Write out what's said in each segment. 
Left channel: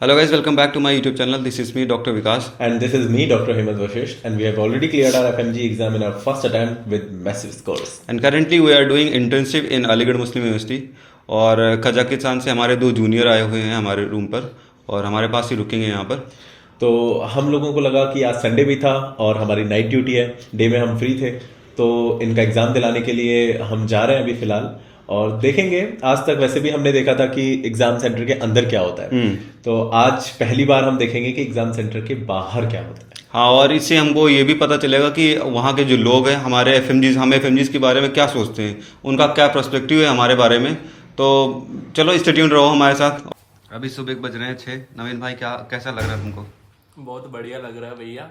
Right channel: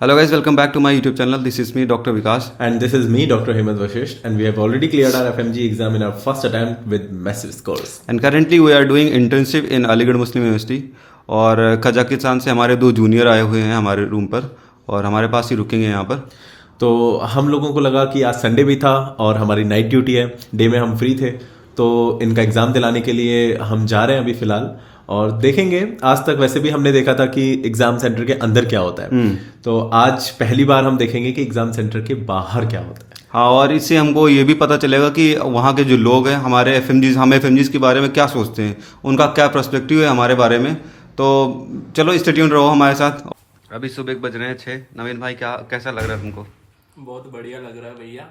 Hello guys, welcome back to my YouTube channel. This is me, Dr. Vikas. And this is me, Dr. Hemant Vashish, and we have already cleared our FMG exam in our first attempt with massive scores. And currently we are doing internship in Aligarh Muslim University. और Kazakhstan से हमारे 2 junior आए हुए हैं हमारे room पर और हमारे पास ही रुकेंगे यहाँ पर। तो हम लोगों को लगा कि आज संडे भी था और हमारी नाइट ड्यूटी है, डे में हम फ्री थे, तो इनका एग्ज़ाम दिलाने के लिए हम जा रहे हैं अभी फ़िलहाल और देखेंगे। आज तक वैसे भी हमने देखा था कि एग्ज़ाम सेंटर के अंदर क्या होता है, तो आज पहली बार हम देखेंगे कि एग्ज़ाम सेंटर के बाहर क्या होता है। हाँ, और इससे हमको ये भी पता चलेगा कि वहाँ के जो लोग हैं हमारे हम एफएमजीज के बारे में क्या सोचते हैं, उनका क्या पर्सपेक्टिव है हमारे बारे में। तो चलो स्टे ट्यून्ड रहो हमारे साथ। अभी सुबह बज रहे हैं 6। नवीन भाई कैसा लग रहा है तुमको? बहुत बढ़िया लग रहा है भैया।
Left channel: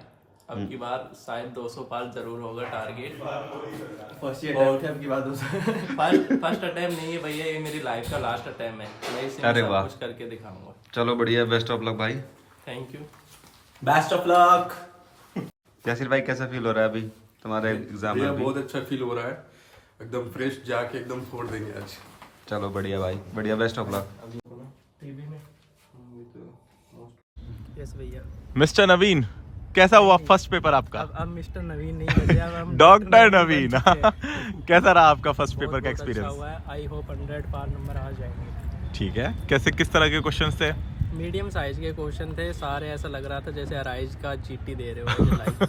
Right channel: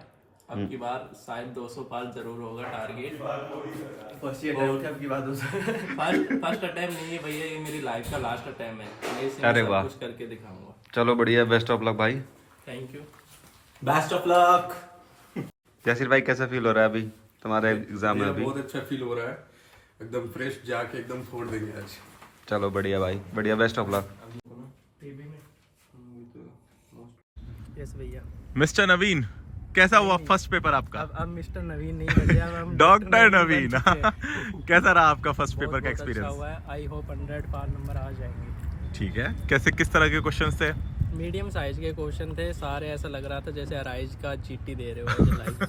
अब की बार शायद 200 पार जरूर होगा टारगेट। फर्स्ट अटेम्प्ट नहीं है भैया, ये मेरी लाइफ का लास्ट अटेम्प्ट है। मैं इसे सब कुछ करके दिखाऊंगा। चलो बढ़िया, बेस्ट ऑफ लक भाई। Thank you, best of luck. Jasir भाई कैसा फील हो रहा है अभी तुम्हारे एग्जाम में? बहुत अच्छा फील हो रहा है, एकदम फ्रेश, जाके एकदम फोड़ देंगे आज। चलो बढ़िया भाई, बढ़िया, बेस्ट ऑफ लक। यस भैया। मिस्टर नवीन, कैसा हुआ फर्स्ट पेपर आपका? अब मिस्टर नवीन नहीं बचे, अब हम डॉक्टर नवीन। कैसा रहा आपका फर्स्ट पेपर का अच्छा एक्सपीरियंस? हुआ है। आई होप 100 पार नंबर आ जाएंगे। ठीक है, किस तरह के क्वेश्चंस थे? मीडियम साइज के क्वेश्चन थे सारे। ऐसा लग रहा था जैसे अराइज का जीटी दे रहे हो लाइक।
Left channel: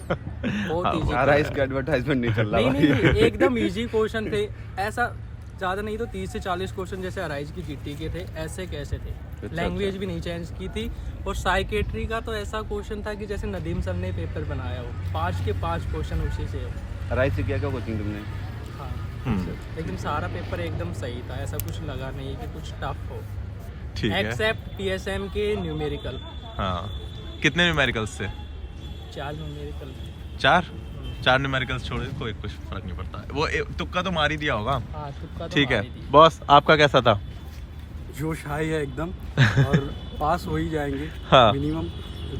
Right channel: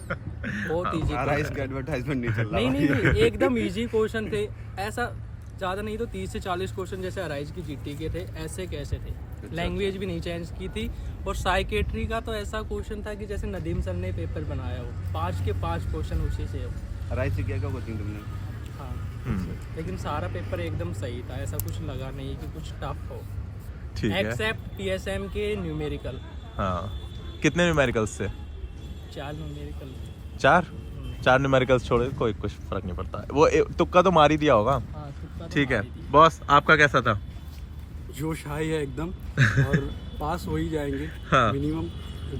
बहुत इजी, अराइज का एडवर्टाइजमेंट नहीं चल रहा। नहीं, एकदम इजी क्वेश्चन थे। ऐसा ज़्यादा नहीं तो 30 से 40 क्वेश्चन जैसे अराइज की जीटी के थे, ऐसे कैसे थे। लैंग्वेज भी नहीं चेंज की थी। और साइकेट्री का तो ऐसा क्वेश्चन था कि जैसे नदीम सर ने पेपर बनाया हो, 5 के 5 क्वेश्चन उसी से हो। अराइज से क्या कोचिंग तुमने? हाँ, लेकिन सारा पेपर एकदम सही था, ऐसा कुछ लगा नहीं कि कुछ टफ हो। ठीक है, एक्सेप्ट पीएसएम के न्यूमेरिकल। हाँ, कितने न्यूमेरिकल्स थे? 4 न्यूमेरिकल। 4 न्यूमेरिकल्स छोड़े कोई कुछ फर्क नहीं पड़ता। वो तुक्का तो मार ही दिया होगा। हाँ, तुक्का तो ठीक है मारी थी। बॉस, आपका कैसा था? जोश हाई है एकदम और पास हो ही जाएंगे। हाँ। मिनिमम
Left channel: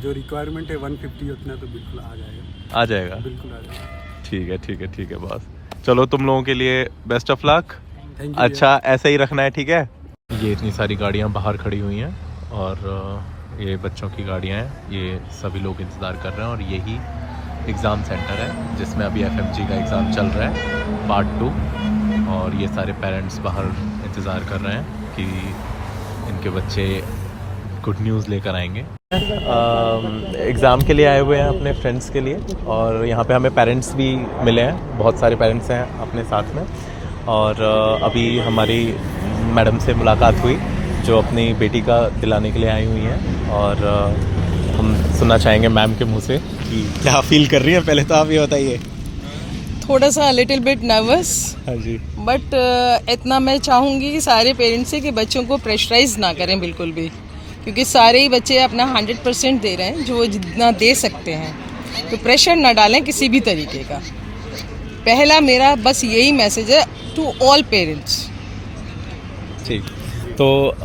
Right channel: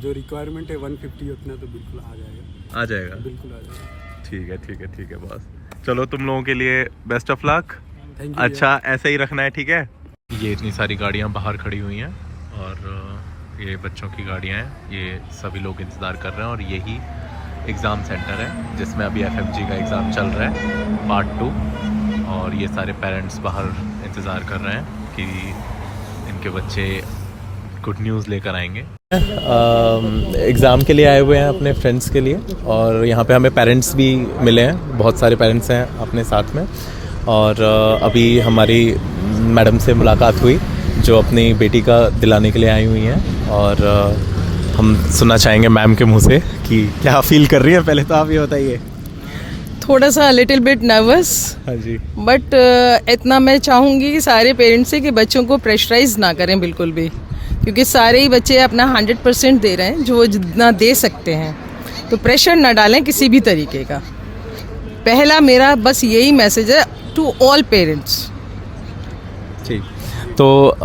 जो रिक्वायरमेंट है 150 उतना तो बिल्कुल आ जाएगा। बिल्कुल आ जाएगा। ठीक है बॉस। चलो तुम लोगों के लिए best of luck. Thank you. अच्छा, ऐसे ही रखना है, ठीक है? ये इतनी सारी गाड़ियाँ बाहर खड़ी हुई हैं और ये बच्चों की गाड़ियाँ हैं। ये सभी लोग इंतज़ार कर रहे हैं और यही एग्ज़ाम सेंटर है जिसमें अभी एफएमजी का एग्ज़ाम चल रहा है पार्ट 2। और ये सारे पेरेंट्स बाहर इंतज़ार कर रहे हैं कि इनके बच्चे गुड न्यूज़ लेकर आएंगे। एग्ज़ाम के लिए आए हुए हैं अपने फ्रेंड्स के लिए और यहाँ पे हमें पेरेंट्स भी मिले हैं, बहुत सारे पेरेंट्स हैं अपने साथ में। और अभी हमारी मैडम से मुलाकात हुई जो अपनी बेटी का दिलाने के लिए आई हुई हैं और हम सुनना चाहेंगे मैम के मुंह से कि क्या फील कर रही है। पहले तो आप ये बताइए। थोड़ा सा लिटिल बिट नर्वस, हाँ जी। बट इतना मैं चाहूँगी कि सारे पेरेंट्स से कि बच्चों को प्रेशराइज ना करें बिल्कुल भी, क्योंकि सारे ही बच्चे अपना 100% दे रहे हैं जो वो जितना दे सकते हैं, तो प्रेशर ना डालें किसी भी तरीके का। पहला मेरा बस यही मैसेज है टू ऑल पेरेंट्स। ठीक, तो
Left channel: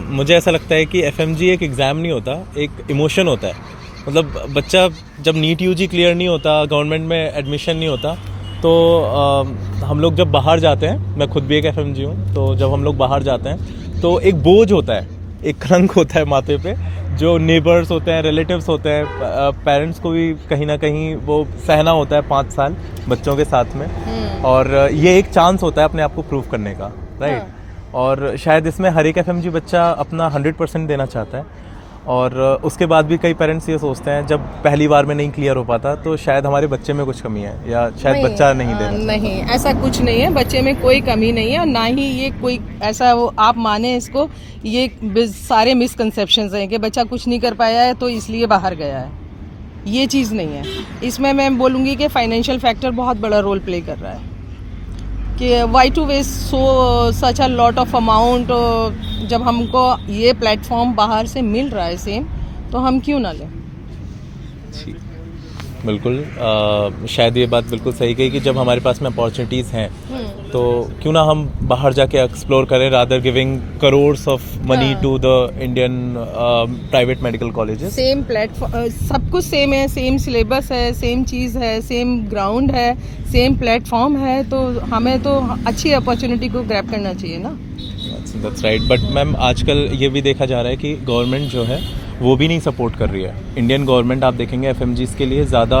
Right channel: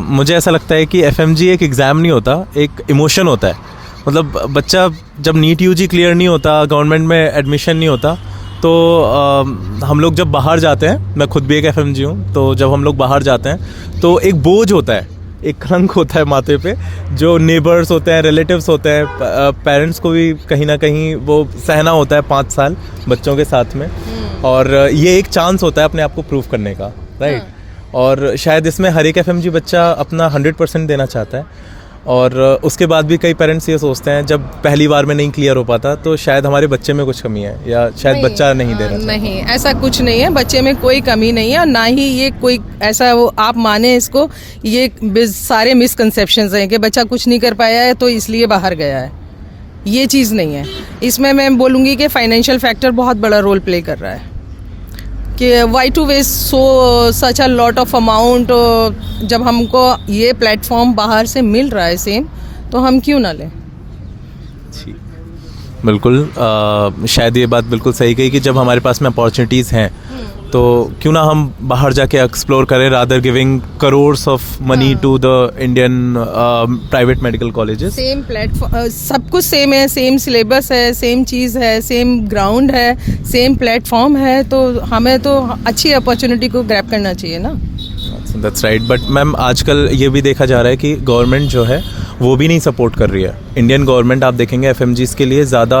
मुझे ऐसा लगता है कि एफएमजी एक एग्ज़ाम नहीं होता, एक इमोशन होता है। मतलब बच्चा जब नीट यूजी क्लियर नहीं होता, गवर्नमेंट में एडमिशन नहीं होता, तो हम लोग जब बाहर जाते हैं, मैं खुद भी एक एफएमजी हूँ, तो जब हम लोग बाहर जाते हैं तो एक बोझ होता है, एक कलंक होता है माथे पे, जो नेबर्स होते हैं, रिलेटिव्स होते हैं, पेरेंट्स को भी कहीं ना कहीं वो सहना होता है 5 साल बच्चों के साथ में। और ये एक चांस होता है अपने आप को प्रूव करने का, राइट? और शायद इसमें हर एक एफएमजी बच्चा अपना 100% देना चाहता है। और उसके बाद भी कई पेरेंट्स ये सोचते हैं जब पहली बार में नहीं क्लियर हो पाता तो शायद हमारे बच्चे में कुछ कमी है या शायद बच्चा नहीं देना चाहता। नहीं, ऐसा कुछ नहीं है, बच्चे में कोई कमी नहीं है और ना ही ये कोई ऐसा वो आप माने इसको, ये सारे मिसकंसेप्शंस हैं कि बच्चा कुछ नहीं कर पाया है तो इसलिए बाहर गया है। ये चीज़ नहीं है। इसमें मैं बोलूँगी कि फाइनेंशियल फैक्टर बहुत बड़ा रोल प्ले कर रहा है कि why to waste such a lot of amount. जब हमको ये प्लेटफॉर्म बाहर से मिल रहा है सेम, तो हम क्यों ना लें? बिल्कुल, शायद ये बात बिल्कुल सही कही कि जब हमारे पास में अपॉर्चुनिटीज़ हैं तो क्यों ना हम बाहर जाके एक्सप्लोर करें, rather giving crores of money to the Indian private medical colleges. Same platform, सब कुछ सेम है, सेम सिलेबस है, सेम चीज़ है, सेम ग्राउंड है, सेम प्लेटफॉर्म है, तो हमें तो अच्छी अपॉर्चुनिटी को ग्रैब करना चाहिए ना। That's right. बट मैम, आजकल ये भी देखा जा रहा है कि गवर्नमेंट जो है वो भी नहीं सपोर्ट कर रही है। इंडियन गवर्नमेंट आप देखेंगे एफएमजीज के लिए ज़्यादा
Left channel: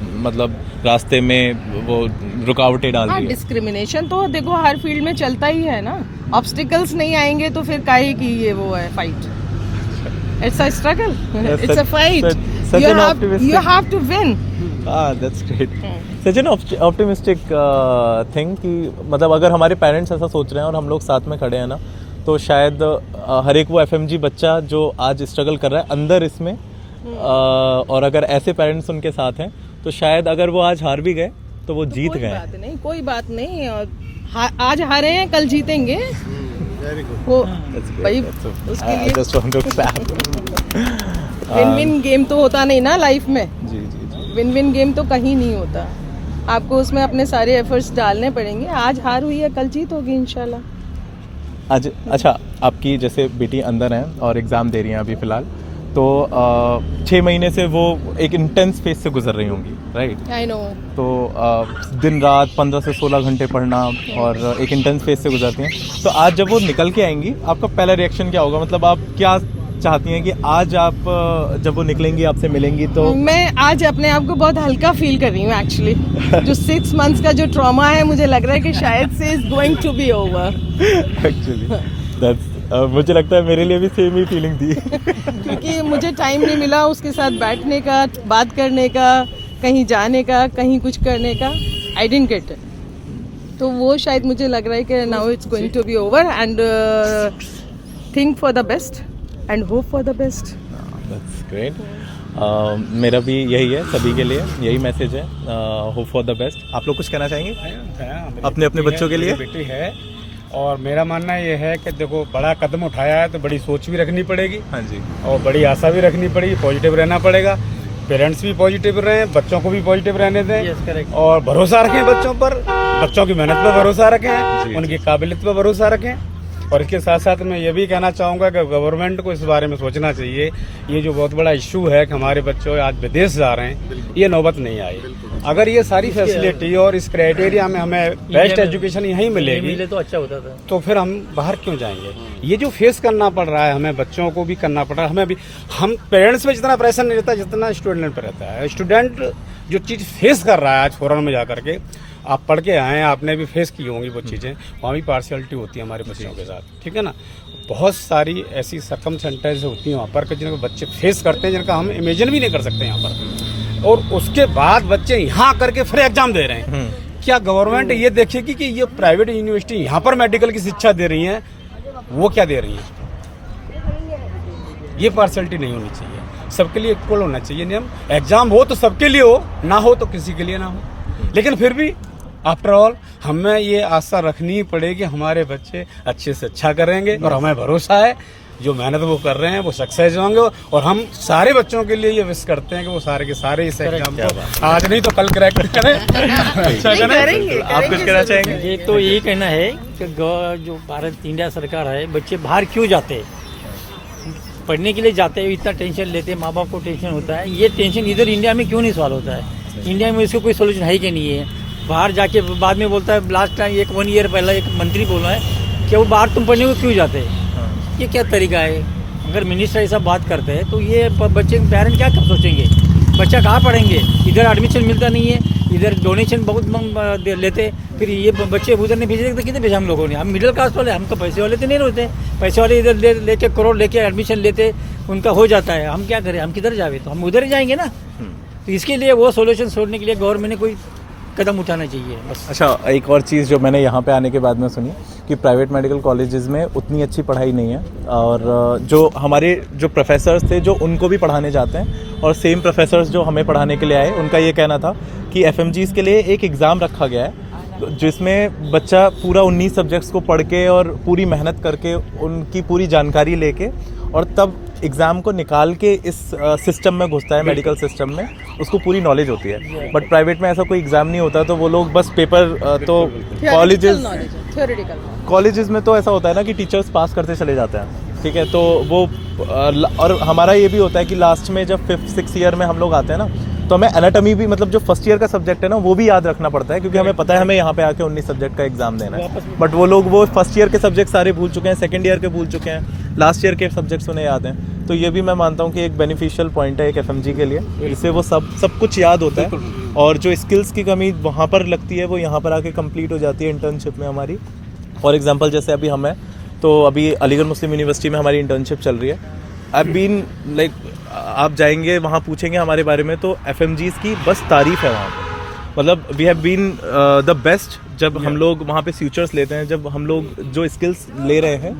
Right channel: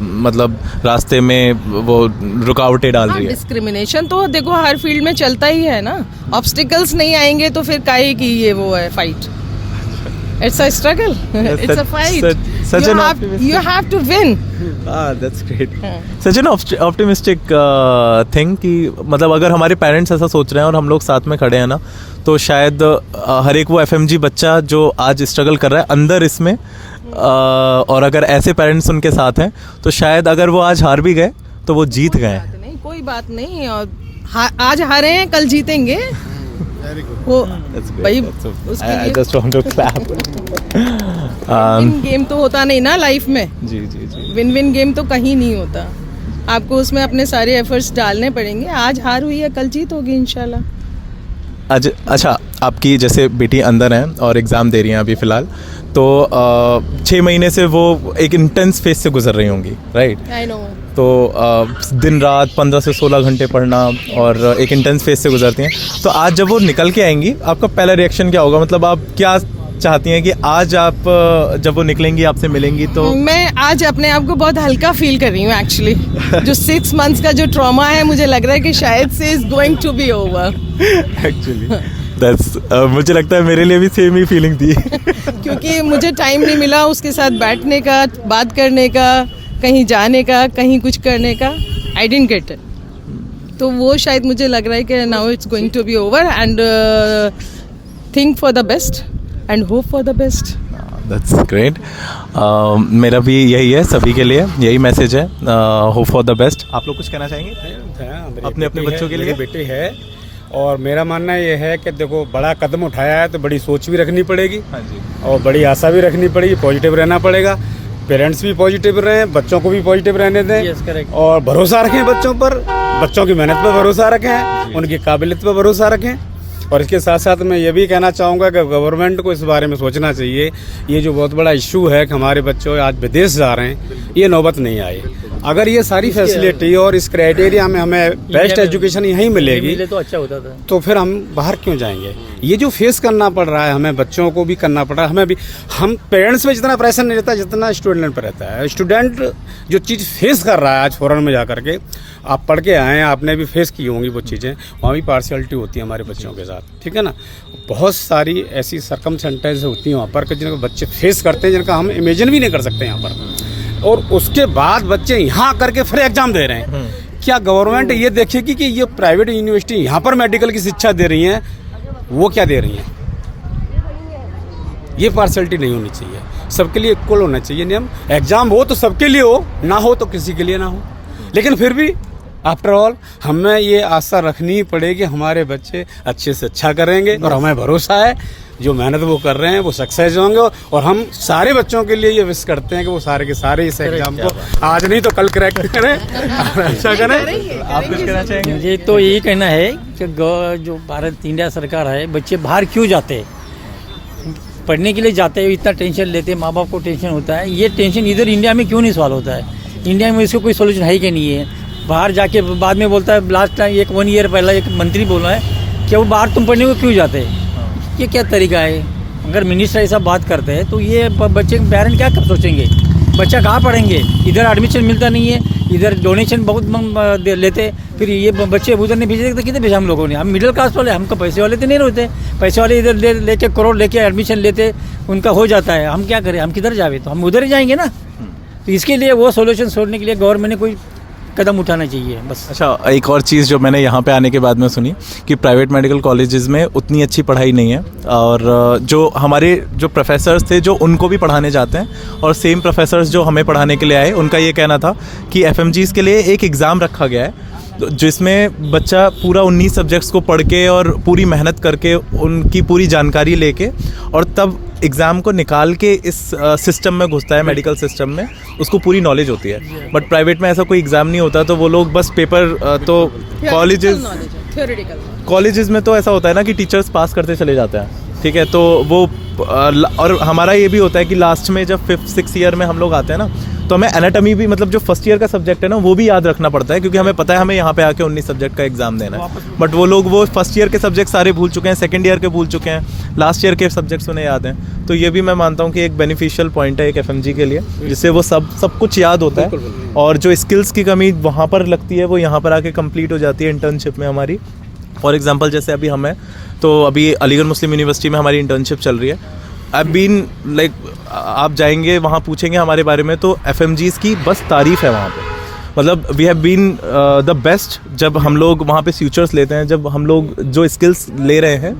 मतलब रास्ते में वो रुकावटें डाल रही है। डिस्क्रिमिनेशन तो देखो हर फील्ड में चलता ही है ना, ऑब्स्टिकल्स नहीं आएंगे तो फिर काहे की ये वो है fight. It's a struggle. It's a fight. You have to win. That's great. Such an optimistic thing कि मतलब अगर हमारे पेरेंट्स ऐसा सोच रहे हैं और हम लोग साथ में खड़े हैं ना, तो शायद हर एक वो एफएमजी बच्चा जो आज स्ट्रगल कर रहा है अंदर इसमें, और अगर ऐसे पेरेंट्स उनके साथ हैं तो शायद अगर वो आज हार भी गए तो वो जीत गए। कोई बात नहीं, आज हारे हैं कल जीतेंगे। वो भाई विन गेम तो होता नहीं ना लाइफ में। जी जी जी। विन गेम तो कहीं नहीं होता, आपको उसमें अपने सारे एफर्ट्स डालने पड़ेंगे। आज हार हुई है कल जीत होगी इंशाल्लाह। आज अच्छा, आपकी जैसे बेटी अंदर हैं और एग्ज़ाम दे रही हैं अभी फ़िलहाल, तो 6 महीने से वो एक इंटेंस फेज से गुजर रही होंगी, राइट? I know. तो दिन रात 15 से 16 घंटे पढ़ना और एक इंटेंस फेज से गुजरती हैं। तो आज जब वो निकल के आएंगी, आपका पहला रिएक्शन क्या होगा? मतलब आप क्या चाहती हैं कि आज आप जब वो निकलेंगी आपसे मिलेंगी तो? मैं आज अपने आप को बहुत हल्का फील कर रही हूँ एक्चुअली। जो 6 मंथ्स का जो ट्रॉमा है, मुझे लग रहा है कि शायद से is going to be over actually. मुझे लगता है मेरे लिए भी सेम ही फीलिंग थी क्योंकि मुझे टाइम नहीं मिला उसके साथ बैठने का, बात करने का, कहीं जाने का, कहीं कुछ करने का। I didn't get it. तो वो शायद मुझे लग रहा है कि now it's going to be over and think for the best and hope for the best. That's great. मेरा भी यही है, सभी के लिए यही मैसेज है, होप फॉर द बेस्ट। आप लोग कुछ कहना चाहेंगे अपने अपने बच्चों के लिए? बेटी है और मेरा मानना ये है कि देखो बड़ा कदम उठाया है तो बड़ी सोच भी रखनी पड़ेगी। हाँ जी। और बड़ी आशा भी रखनी पड़ेगी, पॉजिटिव रहना पड़ेगा। पेरेंट्स भी पॉजिटिव रहें, बच्चों को भी पॉजिटिव रहने दें और भरोसा रखें बच्चों पर, बच्चों की मेहनत पर भरोसा रखें, उनकी काबिलियत पर भरोसा रखें। और इसके साथ साथ मैं ये भी कहना चाहूँगा कि गवर्नमेंट को इस बारे में सोचना चाहिए, ये जो बहुत बड़ा इशू है कि हमारे बच्चों आज विदेश जा रहे हैं, ये नौबत नहीं आए। अगर ये सारी फैसिलिटी और इस क्राइटेरिया में हमें बेस्ट एजुकेशन यहीं मिलेगी तो अच्छा होता था, तो फिर हम बाहर क्यों जाएंगे? ये जो फेस करना पड़ रहा है हमें, बच्चों को भी करना पड़ रहा है, हमें भी। हम पेरेंट्स में जितना प्रेशर नहीं रहता जितना स्टूडेंट पर रहता है। स्टूडेंट जो चीज़ फेस कर रहा है आज फॉरेन में जा करके, आप पढ़ के आए हैं, आपने भी फेस की होंगी वो चीज़ें, वहाँ भी पार्शियलिटी होती है हमारे बच्चों के साथ, ठीक है ना। बहुत सारी ऐसी सरकमस्टेंसेस होती हैं वहाँ पर कि जिनको बच्चे फेस करते हैं, जिनका हम इमेजिन भी नहीं कर सकते यहाँ पर। और उसके बाद बच्चे यहाँ करके फिर एग्जाम दे रहे हैं। क्या गवर्नमेंट ये देखेगी कि ये प्राइवेट यूनिवर्सिटी यहाँ पर मेडिकल की शिक्षा दे रही हैं, वो क्या दे रही हैं? ये पार्शियलिटी नहीं होनी चाहिए, सबके लिए इक्वल होना चाहिए नियम। एग्जाम हो तो सबके लिए हो, ना हो तो किसी के लिए ना हो। लेकिन फिर भी आफ्टर ऑल हमें ये आशा रखनी पड़ेगी हमारे बच्चे अच्छे से अच्छा करेंगे और हमें भरोसा है जो मेहनत वो कर रहे हैं वो सक्सेस होंगे। और हम सारे बच्चों के लिए ये विश करते हैं कि वो सारे के सारे इस एग्जाम को आज नहीं तो कल क्रैक करें, अच्छा करें। आप कुछ कहना चाहेंगे? मुझे तो यही कहना है कि जो भारत इंडिया सरकार है, बच्चे बाहर क्यों जाते हैं? पढ़ने के लिए जाते हैं, इतना टेंशन लेते हैं, माँ बाप को टेंशन होता है। ये टेंशन इधर इंडिया में क्यों नहीं सॉल्व होता है? इंडिया में इसको कोई सोल्यूशन है कि नहीं है? बाहर जाके बाद में बोलता है, लास्ट टाइम 1 ईयर पहला एक मंत्री बोला है कि वो बाहर तुम पढ़ने को क्यों जाते हैं? ये क्या तरीका है? अगर मिनिस्टर ऐसा बात करते हैं तो ये बच्चे के पेरेंट क्या कब सोचेंगे? बच्चा कहाँ पढ़ेंगे? इधर एडमिशन मिलता नहीं है, इधर डोनेशन बहुत लेते, फिर ये बच्चे उधर नहीं भेजे तो कितने भेजा हम लोगों ने? हम मिडिल क्लास वाले, हमको पैसे वाले तो नहीं होते। पैसे वाले इधर लेके करोड़ लेके एडमिशन लेते, उनका हो जाता है। हम क्या करें? हम किधर जावे? तो हम उधर ही जाएंगे ना। तो इसके लिए वो सोल्यूशन छोड़ने के लिए गवर्नमेंट ने कोई कदम उठाना चाहिए बस। अच्छा, एक और चीज़ जो मैंने यहाँ पे आने के बाद में सुनी कि प्राइवेट मेडिकल कॉलेजेस में उतनी अच्छी पढ़ाई नहीं है, और जो हमारे जो प्रोफेसर्स थे जो उनको भी पढ़ाने जाते हैं, और सेम प्रोफेसर्स जो हमें पढ़ाने के लिए आए, उनका ये कहना था कि एफएमजीज़ के लिए एक एग्ज़ाम रखा गया है जिसमें बच्चा पूरा 19 सब्जेक्ट्स को पढ़ के और पूरी मेहनत करके उनकी पूरी जानकारी लेके और तब एग्ज़ाम को निकाल के इस सिस्टम में घुसता है, मेडिकल सिस्टम में, उसको पूरी नॉलेज होती है। बट प्राइवेट में ऐसा कोई एग्ज़ाम नहीं होता, तो वो लोग बस पेपर, तो कॉलेजेस में तो ऐसा होता है ना कि टीचर्स पास करते चले जाते हैं, ठीक है। तो वो और हमारा ये भी होता है कि लास्ट में जब 5th 6th ईयर में हम लोग आते हैं ना, तो हमें एनाटॉमी भी मतलब जो फर्स्ट ईयर का सब्जेक्ट है ना वो भी याद रखना पड़ता है, क्योंकि हमें पता है हमें यहाँ पे आके 19 सब्जेक्ट का एग्जाम देना है, बट वो लोग वो फर्स्ट ईयर के सब्जेक्ट सारे भूल चुके हैं, सेकंड ईयर के भूल चुके हैं, लास्ट ईयर के सब्जेक्ट्स उन्हें याद हैं। तो ये भी मैं मानता हूँ कि एक बेनिफिशियल पॉइंट है एक FMG के लिए, जिससे वो सब कुछ याद होता है, और जो स्किल्स की कमी वहाँ पर लगती है वो यहाँ पर आके कंप्लीट हो जाती है इंटर्नशिप में हमारी। फॉर एग्जांपल जैसे अभी हमें तो अभी अलीगढ़ मुस्लिम यूनिवर्सिटी में हमारी इंटर्नशिप चल रही है। आई बीन लाइक आप जाएंगे वहाँ पूछेंगे हमारे बारे में तो FMGs की बस तारीफ़ है वहाँ पे, मतलब we have been the best. जब हम लोग वहाँ पे फ्यूचर्स लेते हैं, जब हम लोग जो स्किल्स ले रहे हैं,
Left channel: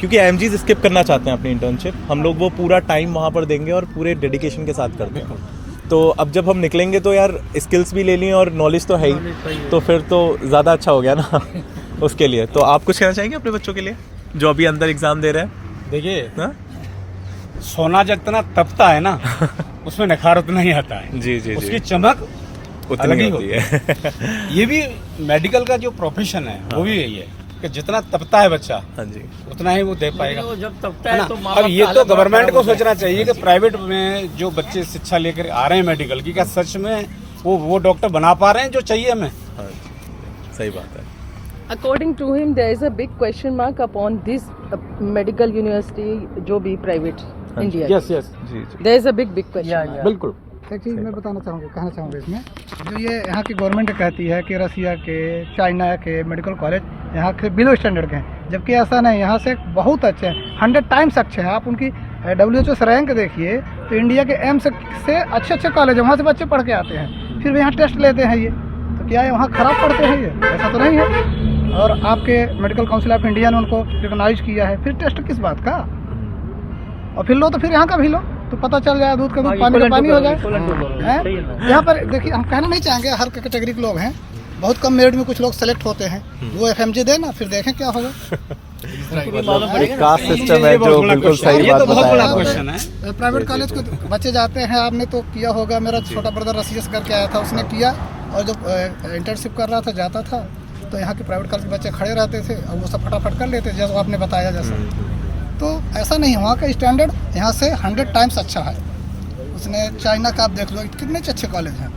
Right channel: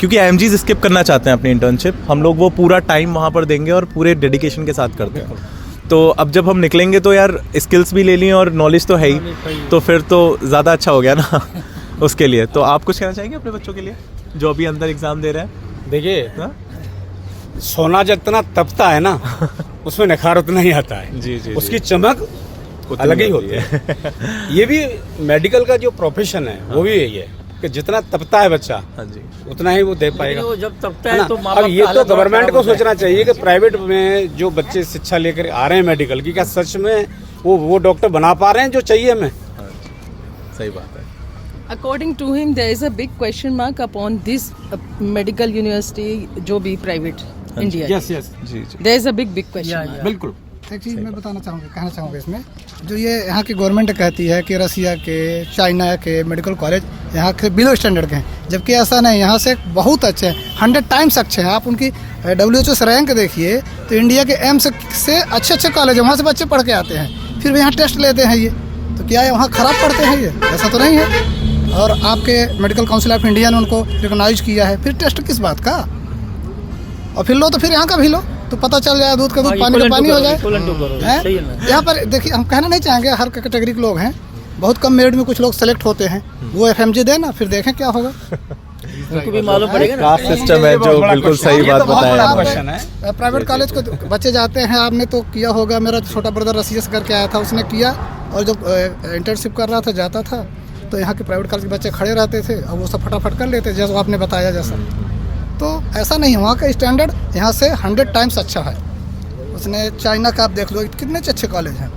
क्योंकि IMGs स्किप करना चाहते हैं अपनी इंटर्नशिप, हम लोग वो पूरा टाइम वहाँ पर देंगे और पूरे डेडिकेशन के साथ करते हैं। तो अब जब हम निकलेंगे तो यार स्किल्स भी ले ली और नॉलेज तो है ही, तो फिर तो ज़्यादा अच्छा हो गया ना उसके लिए। तो आप कुछ कहना चाहेंगे अपने बच्चों के लिए जो अभी अंदर एग्ज़ाम दे रहे हैं? देखिए, सोना जितना तपता है ना उसमें निखार उतना ही आता है। जी उसकी चमक अलग ही होती है। ये भी मेडिकल का जो प्रोफेशन है वो भी यही है कि जितना तपता है बच्चा, हाँ जी, उतना ही वो दे पाएगा। वो जब तपता है तो अब ये तो गवर्नमेंट को सोचना चाहिए कि प्राइवेट में जो बच्चे शिक्षा लेकर आ रहे हैं मेडिकल की, क्या सच में वो डॉक्टर बना पा रहे हैं जो चाहिए हमें? हाँ जी, सही बात है। According to him, there is a big question mark upon this medical university, जो भी private India. यस जी जी, There is a big question mark. बिल्कुल। एक चीज़ मैं कहना चाहूँगा इसमें, जो ये यहाँ की गवर्नमेंट कहती है कि रसिया के, चाइना के मेडिकल कॉलेज यहाँ के बिलो स्टैंडर्ड के हैं, जबकि ऐसा नहीं, यहाँ से बहुत अच्छे हैं, 100 टाइम्स अच्छे हैं। आप उनकी WHO से रैंक देखिए तो इंडिया के एम्स से अच्छे कॉलेज है, वहाँ से बच्चे पढ़ के आते हैं, फिर भी यहाँ टेस्ट लेते हैं। ये तो क्या है, वहाँ ख़राब पढ़ते हैं? ये ऐसा तो नहीं है। और आपके मेडिकल काउंसिल ऑफ इंडिया ने उनको रिकॉग्नाइज किया है, फिर टेस्ट किस बात का? और फिर लो तो फिर यहाँ का भी लो, तो पता चल जाए दूध का दूध पानी का पानी हो जाए। यहाँ पर देखिए, हम कहना नहीं चाहेंगे, हर कैटेगरी के लोग हैं, बहुत कम मेरिट में कुछ लोग सेलेक्ट होते हैं, वो FMG देना, फिर देखें क्या होगा। कास्ट सिस्टम है जो बिल्कुल सही बात बताया। प्राइवेट कॉलेज को बच्चे जाते हैं, आपने तो किया होगा, मेरा छोटा ब्रदर रसिया से करके आया था, उसने किया, और जब इंटर्नशिप कर रहा था, जाता था, तो यहाँ के प्राइवेट कॉलेज के बच्चे खड़े रहते थे और वो सब फटाफट कर लेते, जैसा आपने बताया जैसा। तो ऐसा नहीं, वहाँ का स्टैंडर्ड यहाँ से 100 टाइम्स अच्छा है। उसने चाइना का आप देख लो, कितने अच्छे कॉलेज हैं।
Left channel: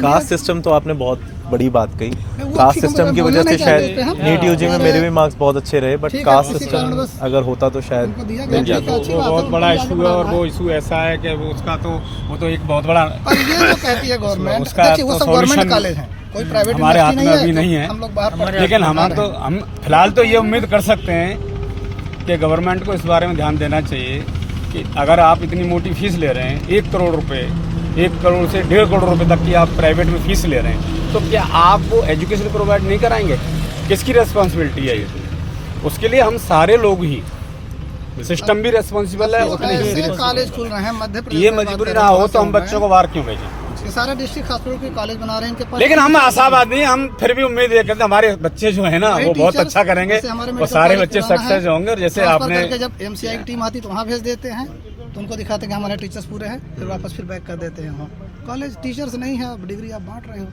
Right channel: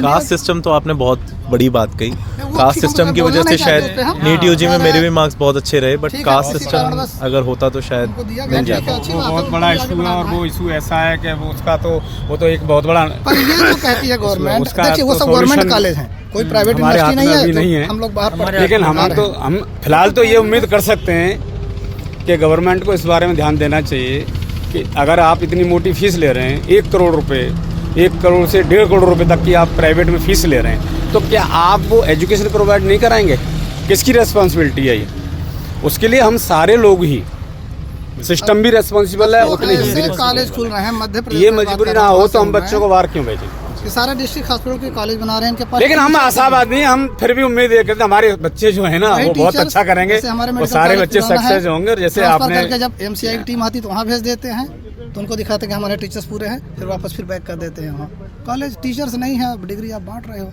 कास्ट सिस्टम तो आपने बहुत बड़ी बात कही। कास्ट सिस्टम की वजह से शायद नीट यूजी में मेरे भी मार्क्स बहुत अच्छे रहे, बट कास्ट सिस्टम अगर होता तो शायद मिल जाता। बहुत बड़ा इशू है, और वो इशू ऐसा है कि उसका तो वो तो एक बहुत बड़ा, पर ये जो कहती है गवर्नमेंट, देखिए वो सब गवर्नमेंट कॉलेज हैं, कोई प्राइवेट यूनिवर्सिटी नहीं है, हम लोग बाहर पढ़ रहे हैं। लेकिन हम फिलहाल तो ये उम्मीद कर सकते हैं कि गवर्नमेंट को इस बारे में ध्यान देना चाहिए कि अगर आप इतनी मोटी फीस ले रहे हैं, 1 करोड़ रुपए, 1 करोड़ से 1.5 करोड़ रुपए तक की आप प्राइवेट में फीस ले रहे हैं, तो क्या आप वो एजुकेशन प्रोवाइड नहीं कराएंगे? किसकी रेस्पॉन्सिबिलिटी है ये? उसके लिए हम सारे लोग ही, सिस्टम भी रेस्पॉन्सिबल है उतनी ही। कॉलेज खुल रहे हैं मध्य प्रदेश, ये मजबूरी ना हो तो हम बच्चों को बाहर क्यों भेजें? सारे डिस्ट्रिक्ट हॉस्पिटल के कॉलेज बना रहे हैं इनके पास। लेकिन हम आशावादी हैं, हम फिर भी उम्मीद ये करते हैं हमारे बच्चे जो है ना वो बहुत अच्छा करेंगे और सारे बच्चे सक्सेस होंगे। जैसे आपने जब MCI की टीम आती तो वहाँ भेज देते हैं, तो उनको दिखाते हैं कि हमारे टीचर्स पूरे हैं, फिर वापस फिर बैक कर देते हैं। कॉलेज टीचर्स नहीं है, डिग्री आप बांट रहे हो।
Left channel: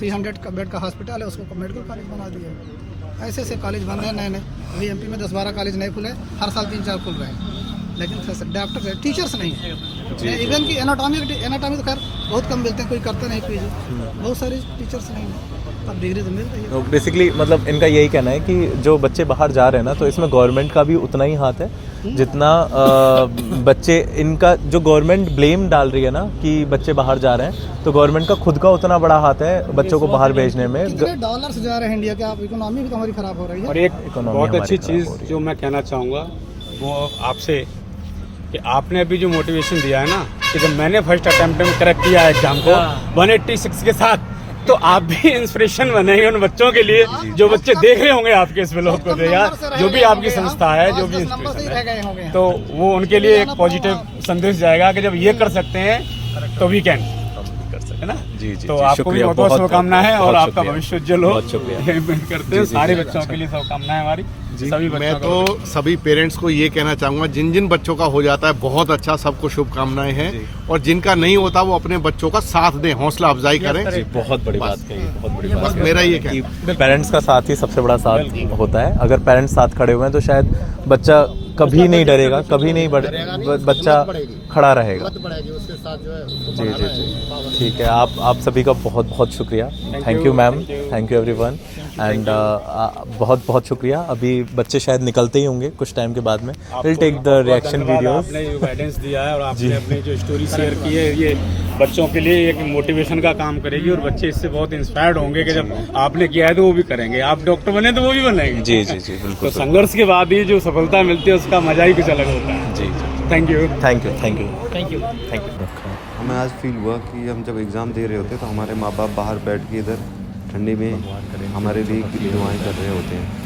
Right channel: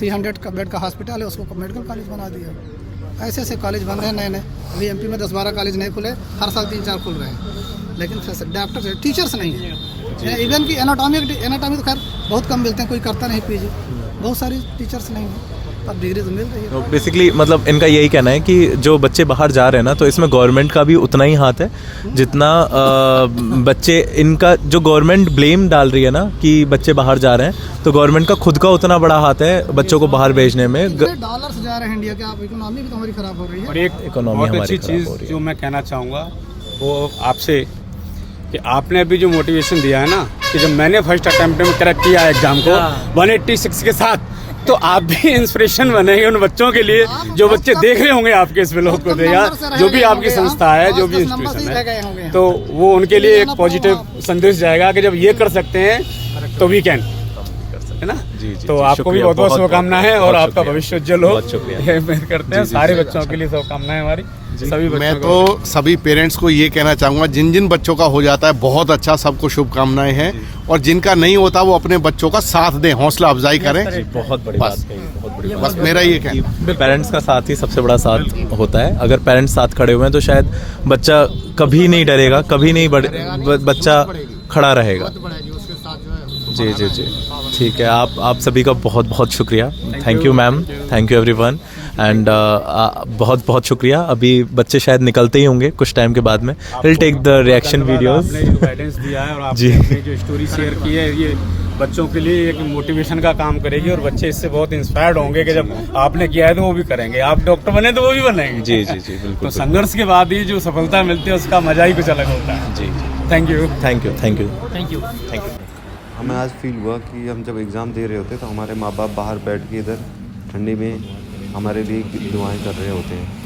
300 का बेड का हॉस्पिटल है, उसको मेडिकल कॉलेज बना दिया। ऐसे ऐसे कॉलेज बन रहे हैं नए। अभी MP में 10-12 कॉलेज नहीं खुले, हर साल 3-4 खुल रहे हैं, लेकिन डॉक्टर टीचर्स नहीं है। इवन की एनाटॉमी तो खैर बहुत कम मिलते हैं, कोई करता नहीं PG, बहुत सारी टीचर्स नहीं है, अब डिग्री तो मिल रही है। बेसिकली मतलब इनका यही कहना है कि जो बच्चे बाहर जा रहे हैं ना, तो इसमें गवर्नमेंट का भी उतना ही हाथ है जितना बच्चे, इनका जो गवर्नमेंट ब्लेम डाल रही है ना कि बच्चे बाहर जा रहे हैं, तो गवर्नमेंट का खुद का उतना बड़ा हाथ है बच्चों को बाहर भेजने में। डॉलर्स जा रहे हैं इंडिया के, आप इकोनॉमी भी तो हमारी खराब हो रही है। और एक बहुत अच्छी चीज़ जो मैं कहना चाहूँगा वो आपसे, कि आपने अभी जो मोटिवेशन दिया है ना, कि जब मैंने फर्स्ट अटेम्प्ट में क्रैक किया एग्जाम को 186 के साथ, तो आप भी इंस्पिरेशन बनेंगे उन बच्चों के लिए जो बच्चे देख रहे होंगे आपके इस व्लॉग को, या जो भी आपकी संस्था है, जो भी इंस्पिरेशन है, तो वो उनके लिए एक पॉजिटिव संदेश जाएगा कि जब ये कर सकते हैं तो वी कैन, है ना। जी, तो आपको भी बहुत बहुत शुभकामनाएं है और आपका भविष्य उज्जवल हो। बहुत शुक्रिया करते हैं, सारे बच्चों के लिए शुभकामनाएं हमारी। सभी मैं तो सभी पेरेंट्स को ये कहना चाहूँगा, जिन जिन बच्चों का हो जाता है बहुत अच्छा, सबको शुभकामनाएं हैं, और जिनका नहीं होता वो अपने बच्चों का साथ दें, हौसला अफजाई करें। बहुत बड़ी बात कही, बहुत बड़ी बात। बस मेरा ये कहना, पेरेंट्स का साथ ही सबसे बड़ा साथ होता है। अगर पेरेंट्स साथ खड़े हुए हैं तो शायद बच्चा कभी नहीं डरेगा, कभी नहीं बच्चा खड़ा रहेगा। बहुत बड़ा है जी, उसके साथ जो है जी जी जी, ठीक है। आप सभी का बहुत बहुत शुक्रिया। Thank you ma'am, thank you everyone, and बहुत बहुत शुक्रिया। अभी बच्चे शायद निकलते ही होंगे कुछ टाइम के बाद में। Will take the reaction videos. आपने जो गाइडेंस दिया है और जी। आपने अपनी जो स्टोरी शेयर की है, ये बच्चों के लिए एक मोटिवेशन का काम करेगी और बच्चे इससे बहुत इंस्पायर्ड होंगे कि जब आपने किया है तो वो भी करेंगे। आप डॉक्टर बने तो वो भी बनेंगे। जी जी जी, तो बिल्कुल। संघर्ष के बाद ही जो सफलता मिलती है उसका मजा ही कुछ अलग होता है। जी, thank you. Thank you thank you thank you. Thank you. हमें आज फील हुआ कि हम जब एग्ज़ाम दे रहे होते तो हमारे माँ बाप बाहर बैठ के इधर ठंडी में हमारे लिए दुआएं कर रहे होते हैं।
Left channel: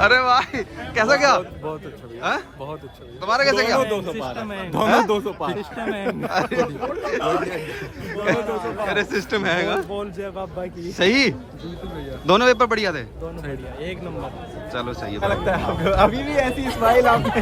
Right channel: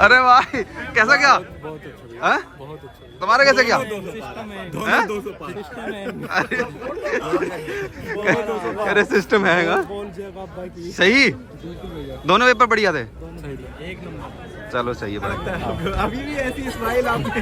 अरे भाई कैसा क्या? बहुत अच्छा, बहुत अच्छा। तुम्हारा कैसा क्या? अरे सिस्टम है सही। दोनों पेपर बढ़िया थे, एक नंबर। चलो सही है भाई। अभी भी ऐसी स्माइल आपने।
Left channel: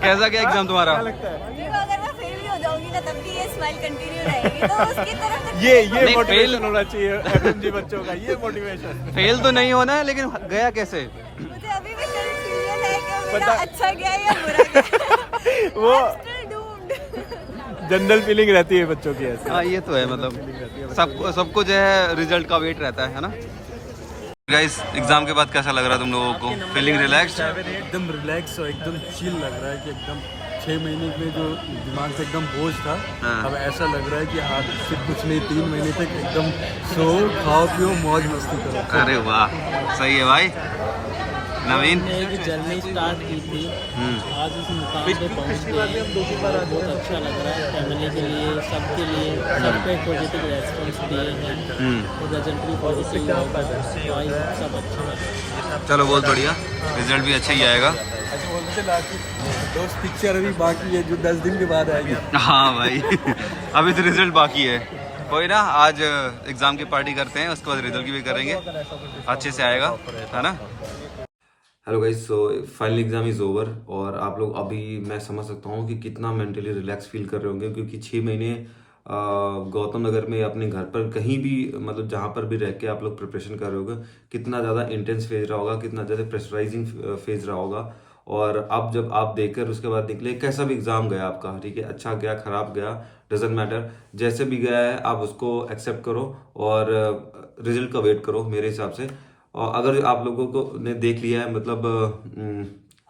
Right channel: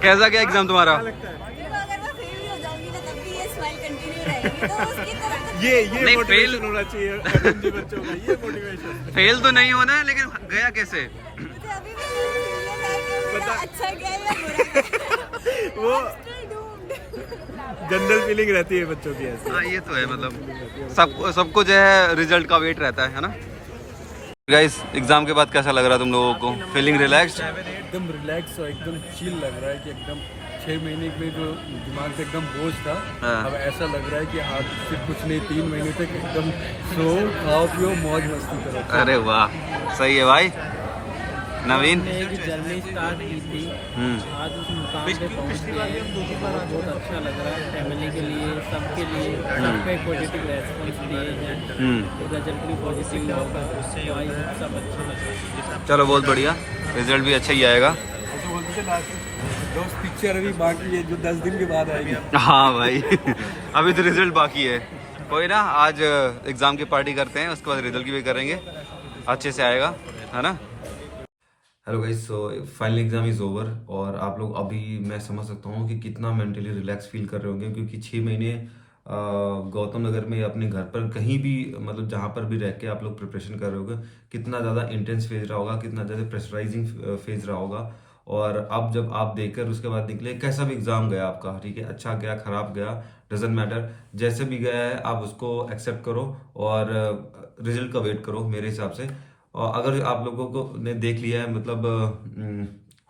कैसा क्या एग्जाम तुम्हारा? अगर मैं फेल भी हो जाऊंगी ना तब भी ये स्माइल कंटिन्यू रहेगी, तो उसकी तरफ ये नहीं, मोटिवेशन fail- होना चाहिए FMG बच्चों का, ये मोटिवेशन। फेल तो नहीं होना है, लेकिन गया कैसे? मुझे अभी भी कंफ्यूजन है कि मेरा अच्छा गया या बुरा गया। वो Still doomed। जनरल फीलिंग रहती है बच्चों की ऐसी। हाँ ये तो है, मतलब सबको जो है रिजल्ट का वेट रहता है ना। गाइस एग्जाम के बाद कैसा लग रहा है तुम लोगों को? Feeling relaxed? एकदम रिलैक्स और एकदम चिल लग रहा है कि एकदम 6 महीने में जो दिमाग पे एकदम बोझ था, हाँ। अब ऐसा लग रहा है कि हाँ सिर्फ कुछ नहीं, 3 महीने तक एकदम सो खाओ पियो मौज मस्ती करो। अरे वाह, सही है भाई। नवीन? हमने एक जर्नी स्टार्ट की थी, आज उस मुकाम पे पहुंच गए, बहुत अच्छा लग रहा है। फैमिली के लिए, सबके लिए, सबको एक पॉजिटिव रेस्पॉन्स दिए हैं, तो रिजल्ट भी पॉजिटिव होगा, तो आई होप सब अच्छा लगे। चलो बहुत बढ़िया, रिजल्ट भी अच्छा ही आएगा। अच्छा बोलते थे लास्ट दोस्त पिक्चर अभी बाकी है जो 10 दिन के बाद आएगी। हाँ भाई अभी तो रिजल्ट बाकी है, कोई ना, आज एग्जाम की पार्टी करते हैं, उसके बाद रिजल्ट की भी करेंगे, अच्छे से आएगा, है ना। Hello guys, so final exam is over और आप लोग अभी मैं समझ सकता हूँ कि कितना मेंटली रिलैक्स फील कर रहे होंगे, क्योंकि 6 महीने गौतम नगर में अपने घर पर कहीं भी, मतलब जहाँ पर भी रह के आप लोग प्रिपरेशन कर रहे होगे, कितना ज़्यादा इंटेंस फेज रहा होगा, कितना ज़्यादा प्रेशराइजिंग फेज रहा होगा। और अब जब आप देखकर उसके बाद निकले, कैसा भी एग्ज़ाम गया आपका, ठीक है, अच्छा गया खराब गया डजेंट मैटर, जैसे भी गया है आप उसको एक्सेप्ट करो और रिजल्ट का वेट करो मेरे हिसाब से। और अगर आप लोगों को ने देख लिया है, मतलब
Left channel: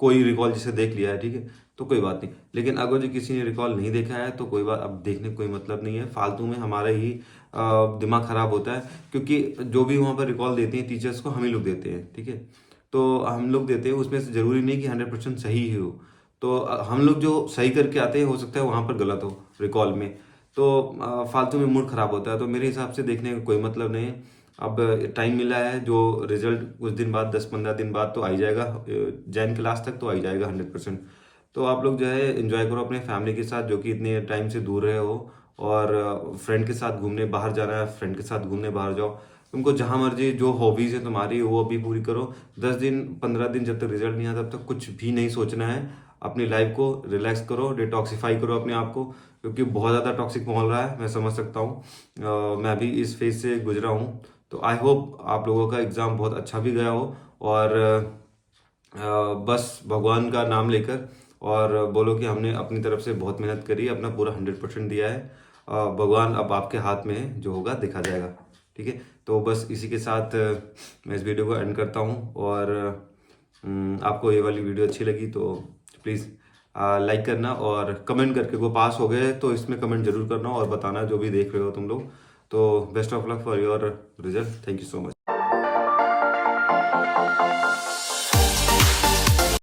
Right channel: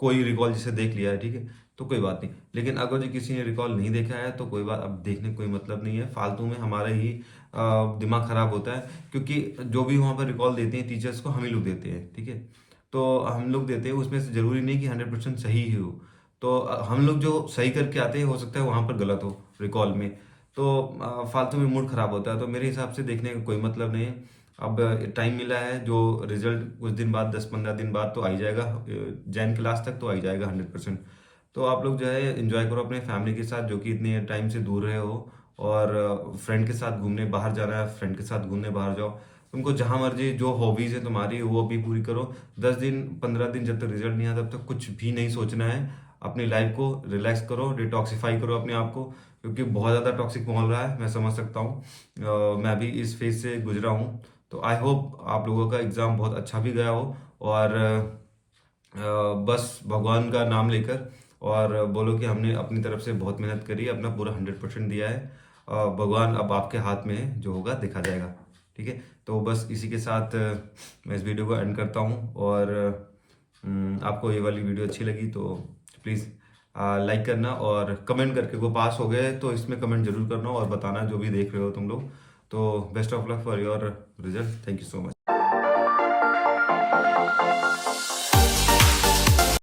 कोई रिकॉल जिसे देख लिया है, ठीक है, तो कोई बात नहीं। लेकिन अगर जो किसी ने रिकॉल नहीं देखा है तो कोई बात, अब देखने का कोई मतलब नहीं है, फालतू में हमारा ही दिमाग खराब होता है, क्योंकि जो भी वहाँ पर रिकॉल देते हैं टीचर्स को हम ही लोग देते हैं, ठीक है, तो हम लोग देते हैं, उसमें से ज़रूरी नहीं कि 100% सही ही हो। तो हम लोग जो सही करके आते हैं, हो सकता है वहाँ पर गलत हो रिकॉल में, तो फालतू में मूड ख़राब होता है। तो मेरे हिसाब से देखने का कोई मतलब नहीं है। अब टाइम मिला है, जो रिजल्ट कुछ दिन बाद, 10-15 दिन बाद तो आ ही जाएगा, जैन क्लास तक तो आ ही जाएगा 100%। तो आप लोग जो है एंजॉय करो अपने फैमिली के साथ, जो कि इतने टाइम से दूर रहे हो, और फ्रेंड के साथ घूमने बाहर जाना है, फ्रेंड के साथ घूमने बाहर जाओ, तुमको जहाँ मर्जी जो हॉबीज़ है तुम्हारी वो अभी पूरी करो। 10 दिन 15 दिन जब तक रिजल्ट नहीं आता तब तक कुछ भी नहीं सोचना है, अपनी लाइफ को रिलैक्स करो, डिटॉक्सीफाई करो अपने आप को, क्योंकि बहुत ज़्यादा टॉक्सिक माहौल रहा है, मैं समझ सकता हूँ। मैं भी इस फेज से गुजरा हूँ, तो आई होप आप लोगों का एग्ज़ाम बहुत अच्छा भी गया हो, और बस भगवान का नाम लेकर और बोलो कि हमने अपनी तरफ से बहुत मेहनत करी, अपना पूरा 100% दिया है। भगवान अब आपके हाथ में है, जो होगा देखा जाएगा, ठीक है। तो बस इसी के साथ मैं इस वीडियो को एंड करता हूँ, और आपको ये वाली वीडियो अच्छी लगी तो प्लीज़ लाइक करना, और कमेंट करके, वो पास हो गए तो इसमें कमेंट जरूर करना और बताना जो भी देख रहे हो तुम लोग। तो best of luck for your result, thank you so much.